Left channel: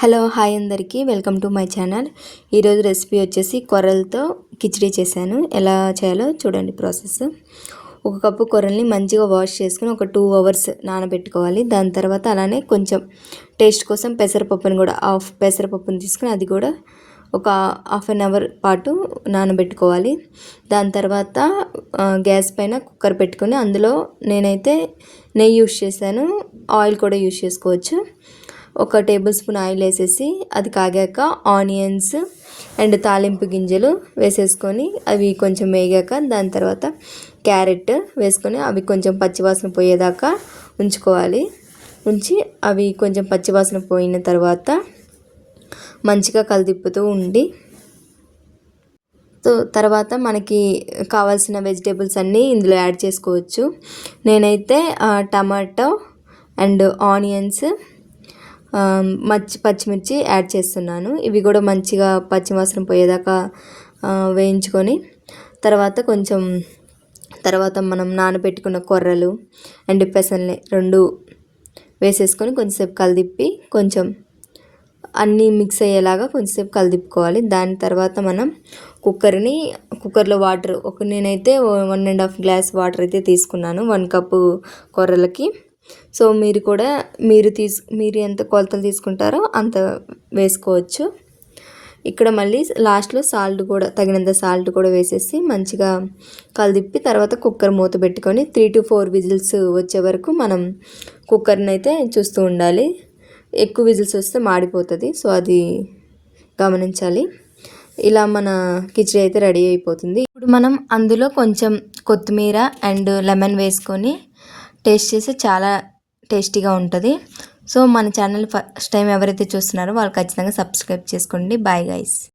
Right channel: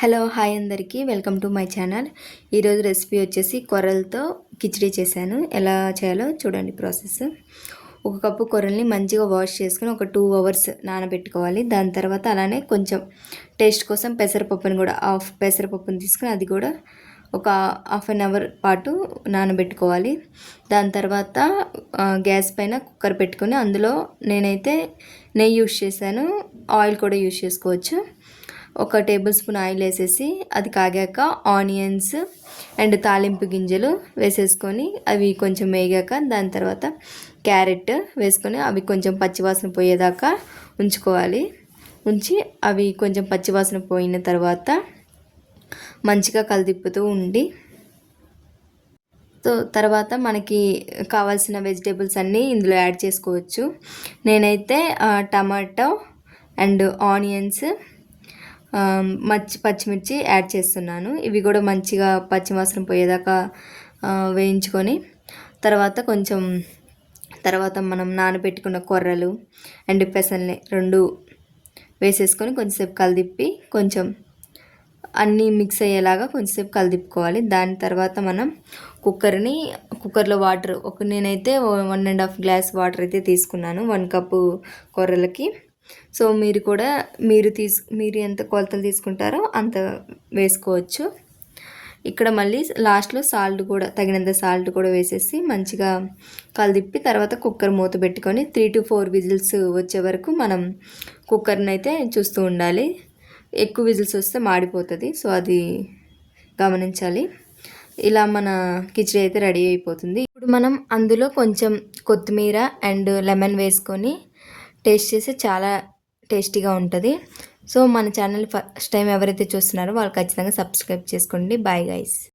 Hello hi అందరికీ welcome to my channel. ఈరోజు recipe వచ్చేసి కొర్రలతో కిచిడి చేశాను. ఎలా చేయాలో చూడండి ప్రాసెస్. ఒక కప్పు కొర్రల్ని మంచిగా వాష్ చేసుకుని ఒక 2 అవర్స్ నానబెట్టుకోవాలి. దాని తర్వాత అలానే కొంచెం టేస్ట్ కోసం పెసరపప్పుని కూడా పెసరపప్పుని తీసుకుని అది కూడా ఒక హాఫ్ అన్ అవర్ పాటు నానబెట్టుకోవాలి. దాని తర్వాత గ్యాస్ పైన కుక్కర్ పెట్టుకొని అందులో నేనైతే నెయ్యి యూస్ చేశాను, ఆయిల్ కూడా యూస్ చేసుకోవచ్చు. ఒక టేబుల్ స్పూన్ ఆయిల్ వేసేసి అది కాగాక ఆనియన్స్ అండ్ తాలింపు గింజలు వేసేసుకొని అవి కొంచెం వేగాక దాని తర్వాత క్యారెట్ వేసుకొని అవి కొంచెం పచ్చివాసన పోయేదాకా ఉంచుకోవాలి. ఉంచి అవి కొంచెం పచ్చివాసన పోయిన తర్వాత మంచిగా కలిదిప్పుతూ ఉండి తర్వాత మనకి కావాల్సిన వెజిటేబుల్స్ అన్నీ ఇందులో యాడ్ చేసుకోవచ్చు. నేనైతే టమాటో అండ్ ఆనియన్స్ పచ్చిమిర్చి యాడ్ చేస్తున్నాను. ఇవి కూడా మంచిగా పచ్చివాసన పోయేదాకా వేయించుకొని తర్వాత మనం నానబెట్టుకున్న కొర్రలు అండ్ పెసల్ని 2 వేసేసుకొని కొంచెంసేపు కలిదిప్పి కొంచెం అన్నీ మిక్స్ అయ్యేలాగా కొంచెంసేపు కలిదిప్పుకోవాలి. దాని తర్వాత మనం కుక్కర్లో వాటర్ నేనైతే 1.5 గ్లాస్ వాటర్ అయితే తీసుకున్నాను 1 కప్పు కొర్రలకి. సో మీరు కూడా మీరు ఎంత కొలతలు తీసుకుంటారో అంత వేసుకోవచ్చు. ఇక్కడ మళ్ళీ లాస్ట్లో తగినంత సాల్ట్ కూడా వేసేసి మంచిగా కలిదిప్పి తర్వాత కుక్కర్ మూత పెట్టుకొని 3 to 4 విజిల్స్ వచ్చే వరకు మనం కుక్కర్ని అయితే చూస్తూ ఉండాలి. ఎక్కువ విజిల్స్ వస్తే మాడిపోతుంది, సో అది గమనించాలి. ఇలా మన కిచిడి అయితే రెడీ అయిపోతుంది. ఇప్పుడు మనం అందులో కొంచెం కొత్తిమీర అండ్ లెమన్ వేసుకొని టేస్ట్ చేసి చాలా టేస్టీగా ఉంటుంది. సో మన ఛానల్ ఫస్ట్ టైం ఎవరైతే చూస్తున్నారో వాళ్ళు ఖచ్చితంగా సబ్స్క్రైబ్ చేసుకోండి. Bye guys.